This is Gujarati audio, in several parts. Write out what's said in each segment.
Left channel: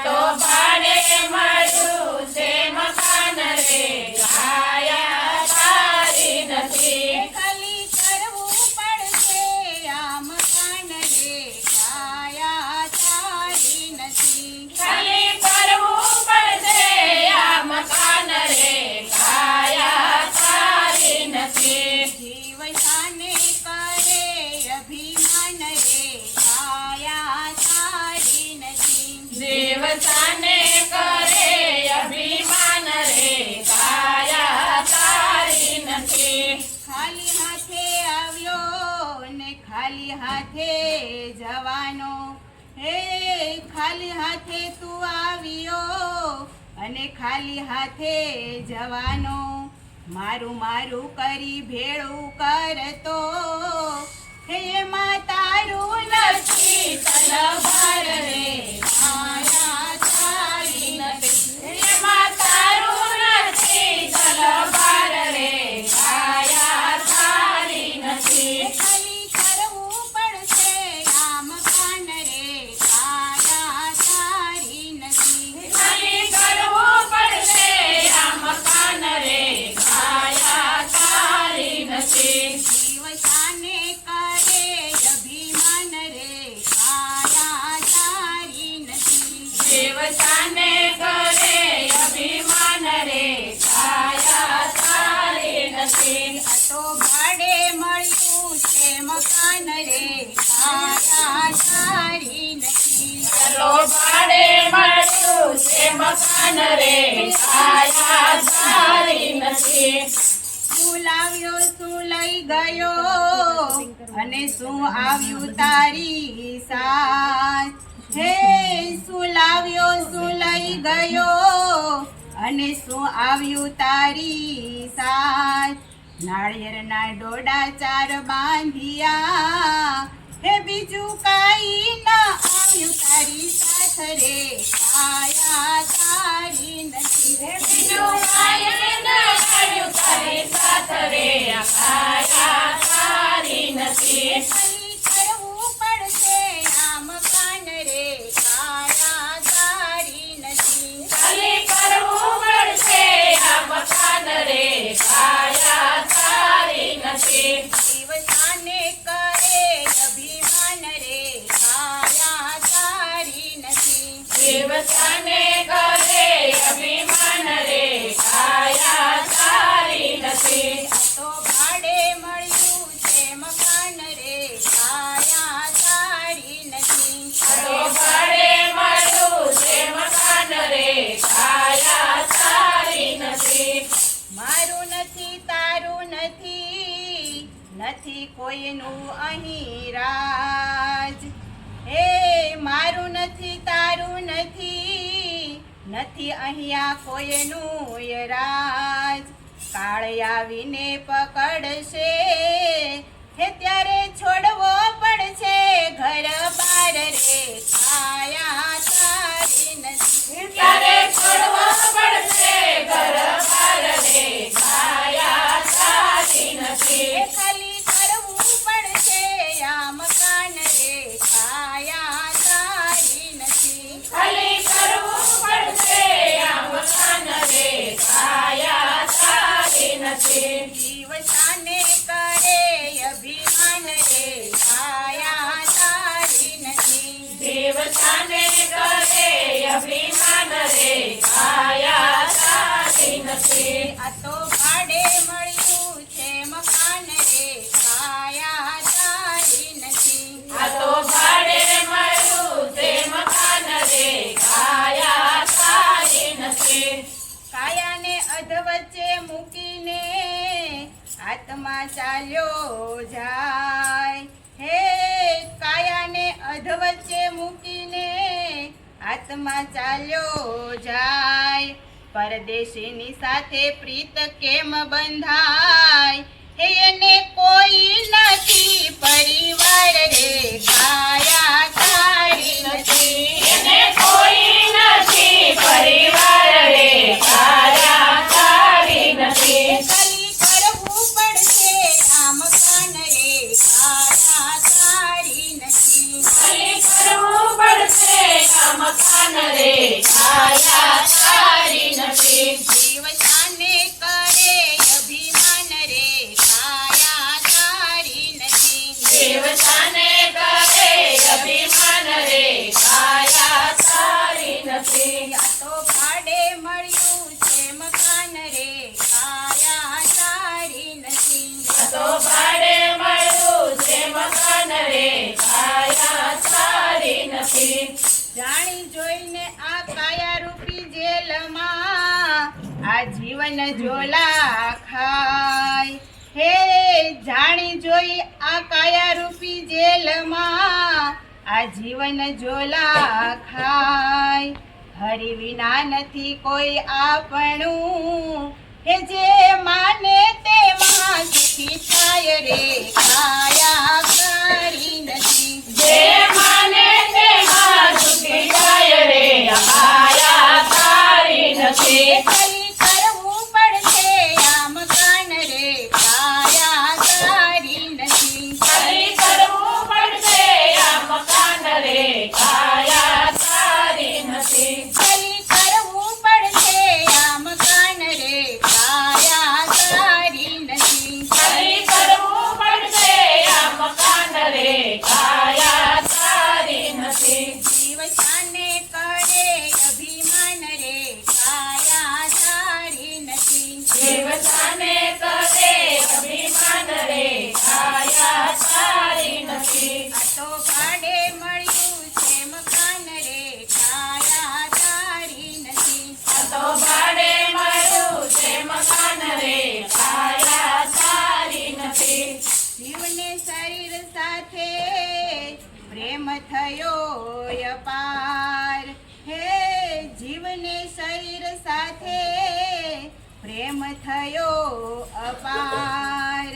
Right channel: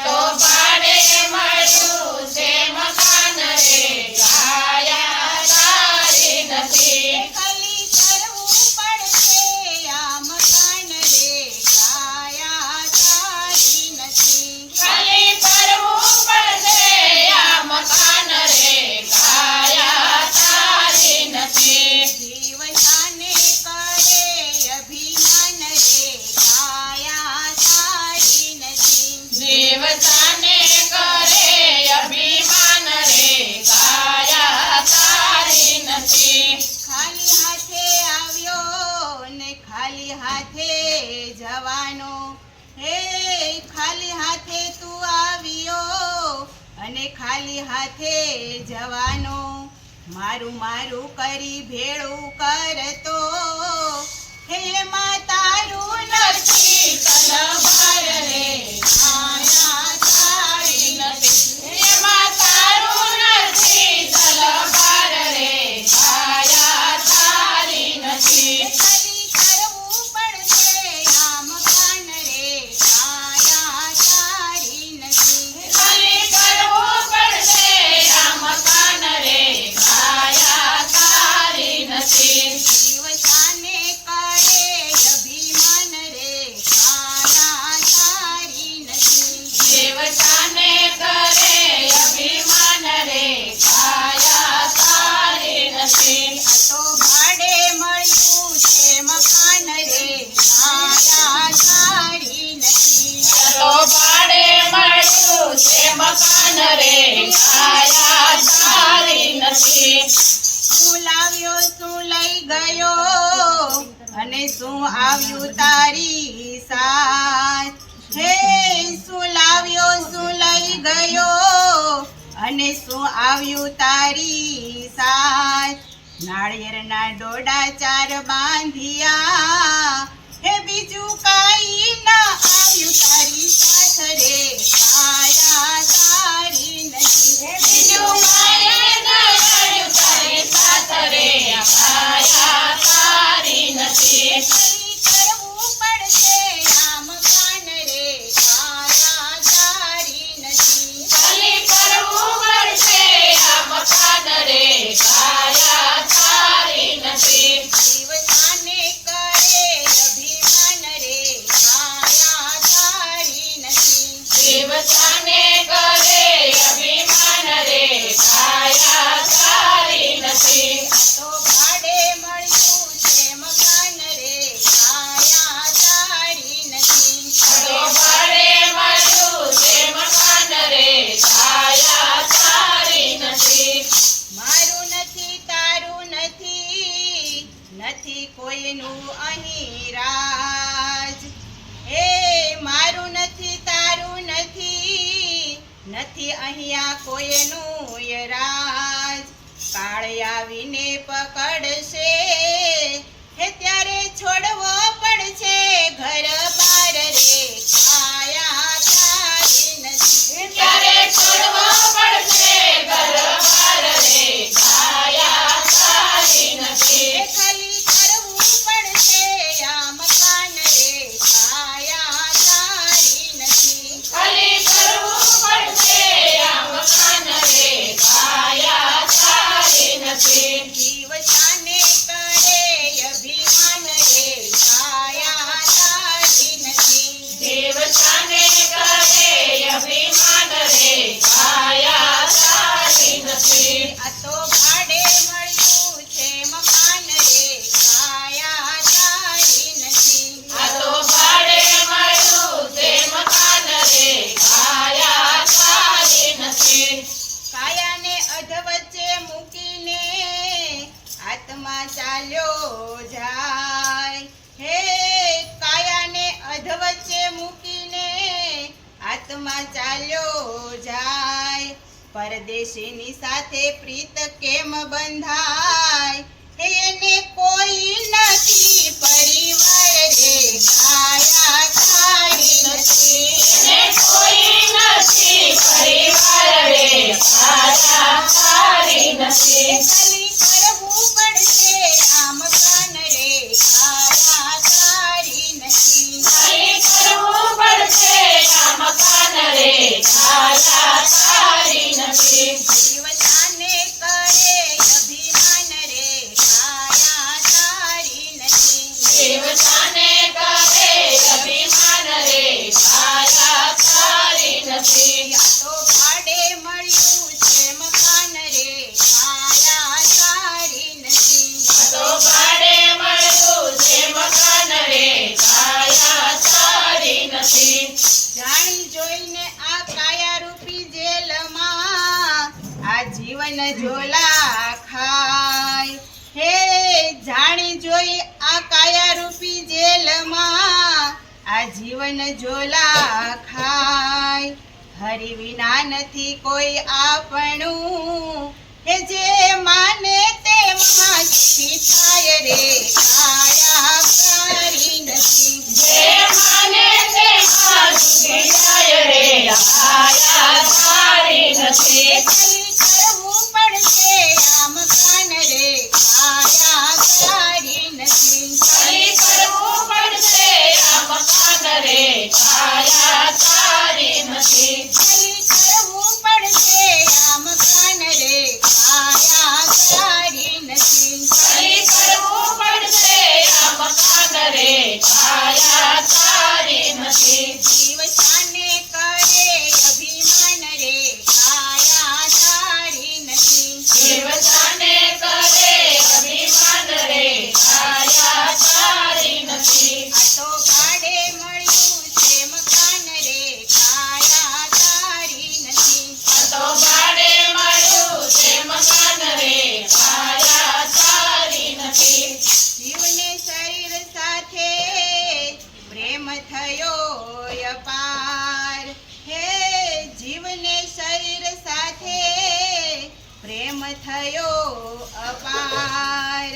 તો ભાડે મળ્યું છે મકાન રે કાયા તારી નથી ખાલી કરવું પડશે આ મકાન રે કાયા તારી નથી ખાલી કરવું પડશે આ મકાન રે કાયા તારી નથી જીવ શાને કરે અભિમાન રે કાયા તારી નથી જીવ શાને કરે અભિમાન રે કાયા તારી નથી ખાલી હાથે આવ્યો ને ખાલી હાથે જવાનો હે ખાલી હાથે તું આવ્યો અને ખાલી હાથે જવાનો મારું મારું કરી ભેળું કરતો હે એમાં તારું નથી તલવાર રે કાયા તારી નથી એમાં તારું નથી તલવાર રે કાયા તારી નથી ખાલી કરવું પડશે આ મકાન રે કાયા તારી નથી ખાલી કરવું પડશે આ મકાન રે કાયા તારી નથી જીવ શાને કરે અભિમાન રે કાયા તારી નથી જીવ શાને કરે અભિમાન રે કાયા તારી નથી આ તો ભાડે મળ્યું છે મકાન રે કાયા તારી નથી તો ભાડે મળ્યું છે મકાન રે કાયા તારી નથી શું લાવ્યો શું લઈ ગયો અને શું આવ્યું તારી સાથ હે શું લાવ્યો શું લઈ ગયો અને શું આવ્યું તારી સાથ નાળિયેરના ડોડા ચાર બાંધ્યા હે બીજું કાંઈ ના આવ્યું તારી સાથ રે કાયા તારી નથી બીજું કાંઈ ન આવ્યું તારી સાથ રે કાયા તારી નથી ખાલી કરવું પડશે આ મકાન રે કાયા તારી નથી ખાલી કરવું પડશે આ મકાન રે કાયા તારી નથી જીવ શાને કરે અભિમાન રે કાયા તારી નથી જીવ શાને કરે અભિમાન રે કાયા તારી નથી તો ભાડે મળ્યું છે મકાન રે કાયા તારી નથી તો ભાડે મળ્યું છે મકાન રે કાયા તારી નથી મારું નથી તારું નથી નથી કોઈનું અહીં રાજ હે મારું નથી તારું નથી નથી અહીંયા કોઈનું ય રાજ કાળ આવીને પકડશે હે ત્યારે છોડવો પડશે ઘર બાર રે કાયા તારી નથી ત્યારે છોડવો પડશે ઘર બાર રે કાયા તારી નથી ખાલી કરવું પડશે આ મકાન રે કાયા તારી નથી ખાલી કરવું પડશે આ મકાન રે કાયા તારી નથી જીવ શાને કરે અભિમાન રે કાયા તારી નથી જીવ શાને કરે અભિમાન રે કાયા તારી નથી આ તો ભાડે મળ્યું છે મકાન રે કાયા તારી નથી આ તો ભાડે મળ્યું છે મકાન રે કાયા તારી નથી કાયાને અધવચ્ચે મૂકીને આત્મા ચાલ્યો જાય હે કાયાને અધવચ્ચે મૂકીને આત્મા ચાલ્યો જાય પરદેશીની સાથે પ્રીત કેમ બંધાય હે એને કોઈ નથી પરિવાર રે કાયા તારી નથી એને કોઈ નથી પરિવાર રે કાયા તારી નથી ખાલી કરવું પડશે આ મકાન રે કાયા તારી નથી ખાલી કરવું પડશે આ મકાન રે નથી. જાણી જોઈને આ કાયારૂપી જેલમાં આ જીવન ઝોલા ખાય. હે જાણી જોઈ આ કાયારૂપી જેલમાં આ જીવન ઝોલા ખાય. હરિ વિના નથી કોઈ આપણું, હે જે માને તે મહા સુખી થાય રે. કાયા કરી નથી જે માને તે માં સુખી થાય રે. કાયા સારી નથી. ખાલી કરવું પડશે આમ કાન રે. કાયા કરી નથી ખાલી કરવું પડશે આ મકાન રે. કાયા સારી નથી. ખાલી કરવું પડશે આમ કાન રે. કાયા કરી નથી ખાલી કરવું પડશે આ મકાન રે. કાયા સારી નથી. જીવ શાને કરે અભિમાન રે. કાયા સારી નથી જીવતાને કરે અભિમાન રે. કાયા સારી નથી. આ તો ભાડે મળ્યું છે મકાન રે. કાયા સારી નથી આ તો ભાડે મળ્યું છે મકાન રે. કાયા સારી નથી. જીવને શરીર સાથે પ્રેમ થયો અપાર. હે જીવને શરીર સાથે પ્રેમ થયો અપાર.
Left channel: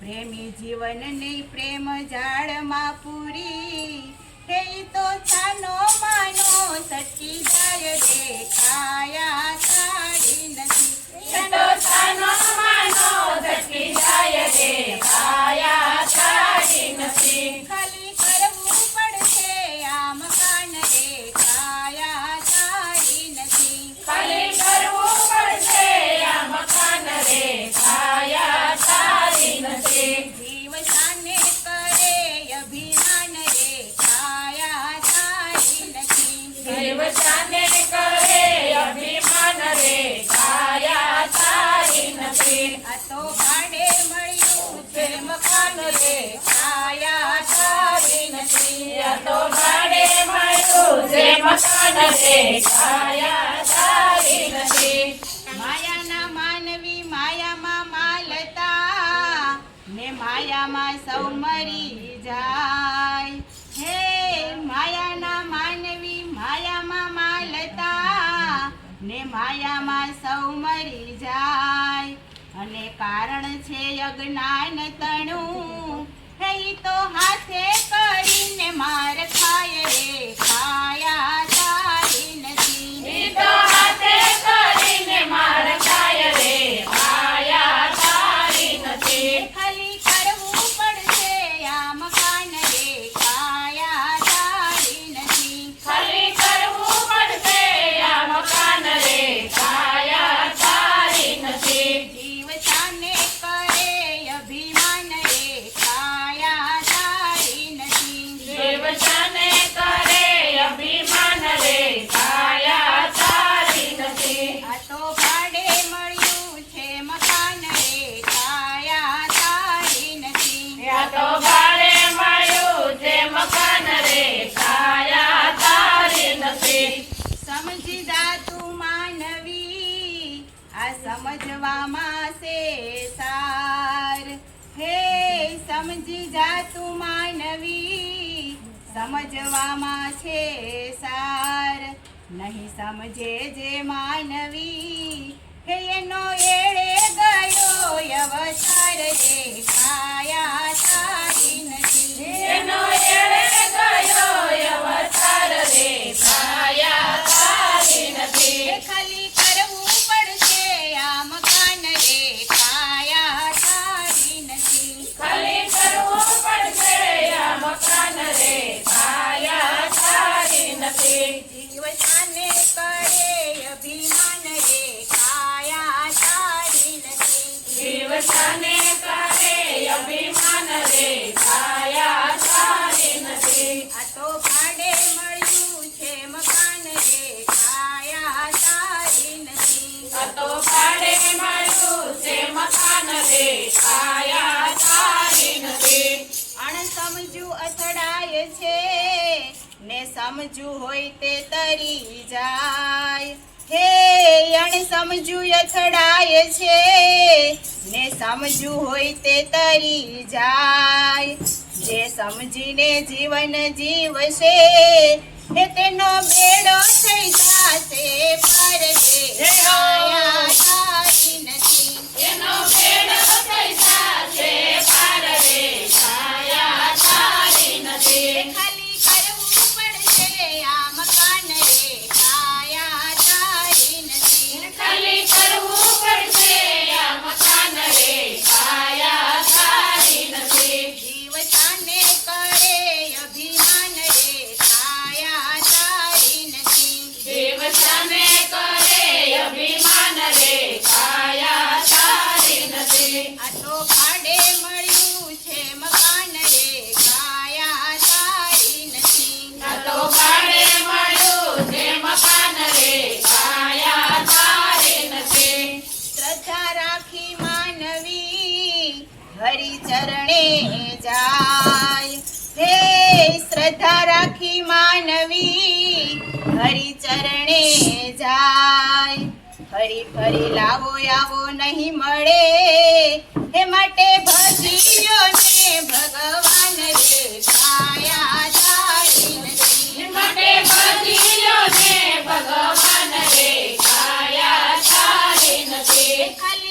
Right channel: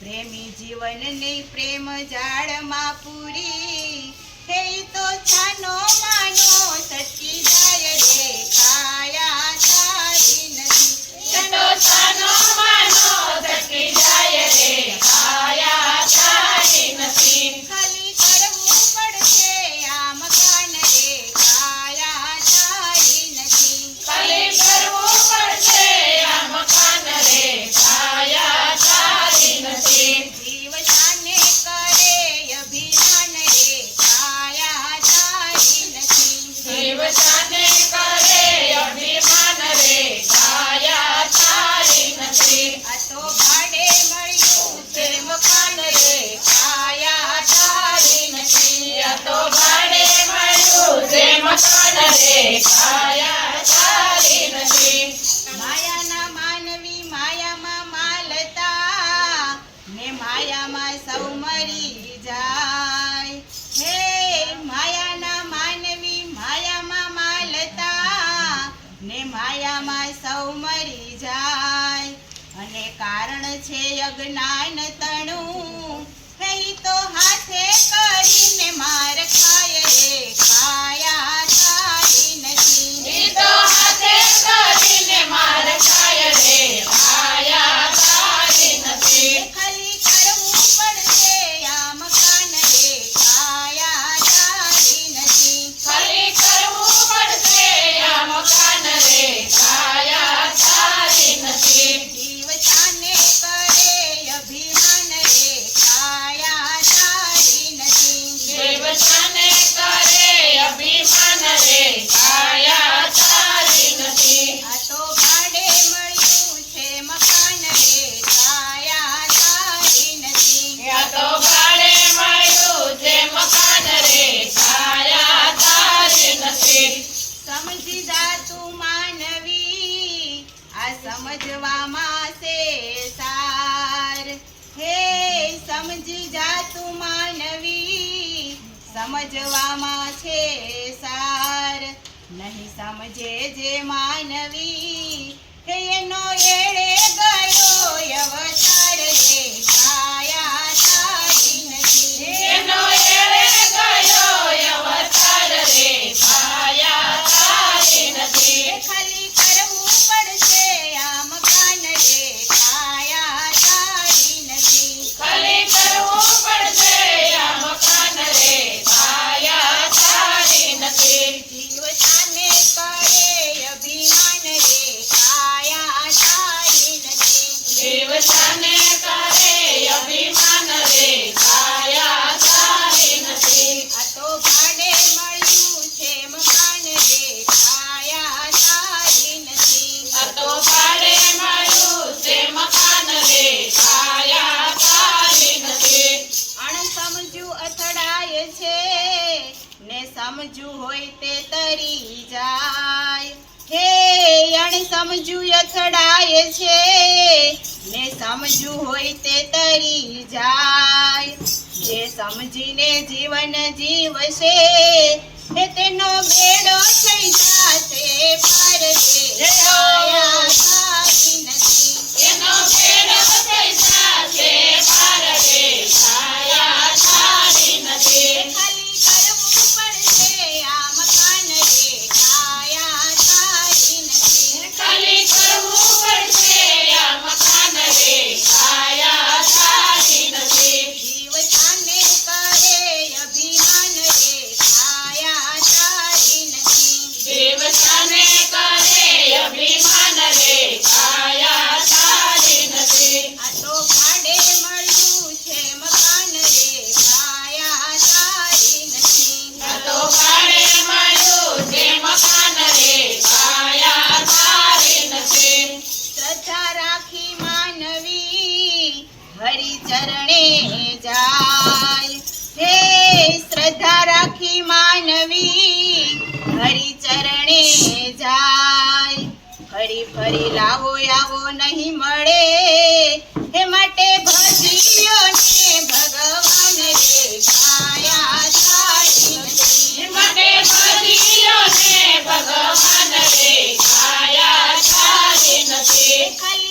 પ્રેમી જીવનની પ્રેમ જાળમાં પૂરી. હે ઈ તો છાનો માનો સટકી જાય રે. કાયા સારી નથી એ તો છાનો માનો થકી જાય રે. કાયા સારી નથી. ખાલી કરવું પડશે આ મકાન રે. કાયા સારી નથી ખાલી કરવું પડશે આ મકાન રે. કાયા સારી નથી. જીવ શાને કરે અભિમાન રે. કાયા સારી નથી જીવતાને કરે અભિમાન રે. કાયા સારી નથી. આ તો ભાડે મળ્યું છે મકાન રે. કાયા સારી નથી આ તો ભાડે મળ્યું છે મકાન રે. કાયા સારી નથી. માયાના માનવી માયામાં માલતા ને માયામાં સૌ મરી જાય. હે માયાના માનવી માયામાં માલતા ને માયામાં સૌ મરી જાય. અને કારણ છે અજ્ઞાન તણું. હે ઈ તો હાથે કરીને માર ખાય રે. કાયા સારી નથી ઈ તો હાથે કરીને માર ખાય રે. કાયા સારી નથી. ખાલી કરવું પડશે આ મકાન રે. કાયા સારી નથી ખાલી કરવું પડશે આ મકાન રે. કાયા સારી નથી. જીવ શાને કરે અભિમાન રે. કાયા સારી નથી જીવતાને કરે અભિમાન રે. કાયા સારી નથી. આ તો ભાડે મળ્યું છે મકાન રે. કાયા સારી નથી આ તો ભાડે મળ્યું છે મકાન રે. કાયા સારી નથી. સમજી જા તું માનવી આ સમજવામાં છે સાર. હે સમજી જા તું માનવી સમજવામાં છે સાર. નહીં સમજે જે માનવી હે એનો એળે ગયો અવતાર રે. કાયા સારી નથી એનો એળે ગયો અવતાર રે. કાયા સારી નથી. ખાલી કરવું પડશે આ મકાન રે. કાયા સારી નથી ખાલી કરવું પડશે આ મકાન રે. કાયા સારી નથી. જીવ શાને કરે અભિમાન રે. કાયા સારી નથી જીવતાને કરે અભિમાન રે. કાયા સારી સમજુ હોય તે તરી જાય. હે અણસમજુ અથડાય છે ને સમજુ હોય તે તરી જાય. જે સમજીને જીવન જીવશે એ તેનો બેડો થઈ જાશે પાર. રે કાયા તારી નથી. એનો બેડો થઈ જાશે પાર રે કાયા તારી નથી. ખાલી કરવું પડશે આ મકાન રે કાયા તારી નથી. ખાલી કરવું પડશે આ મકાન રે કાયા તારી નથી. જીવતાને કરે અભિમાન રે કાયા તારી નથી. દેવતાને કરે અભિમાન રે કાયા તારી નથી. આ તો ભાડે મળ્યું છે મકાન રે કાયા તારી નથી. આ તો ભાડે મળ્યું છે મકાન રે કાયા તારી નથી. શ્રદ્ધા રાખી માનવી હરિચરણે જાય. હે શ્રદ્ધા રાખી માનવી હરિચરણે જાય. ફરી ફરી લાવો આવો નહીં મળે એ માટે ભજીયો ને ભગવાન રે કાયા તારી નથી. માટે ભજીયો ને ભગવાન રે કાયા તારી નથી. ખાલી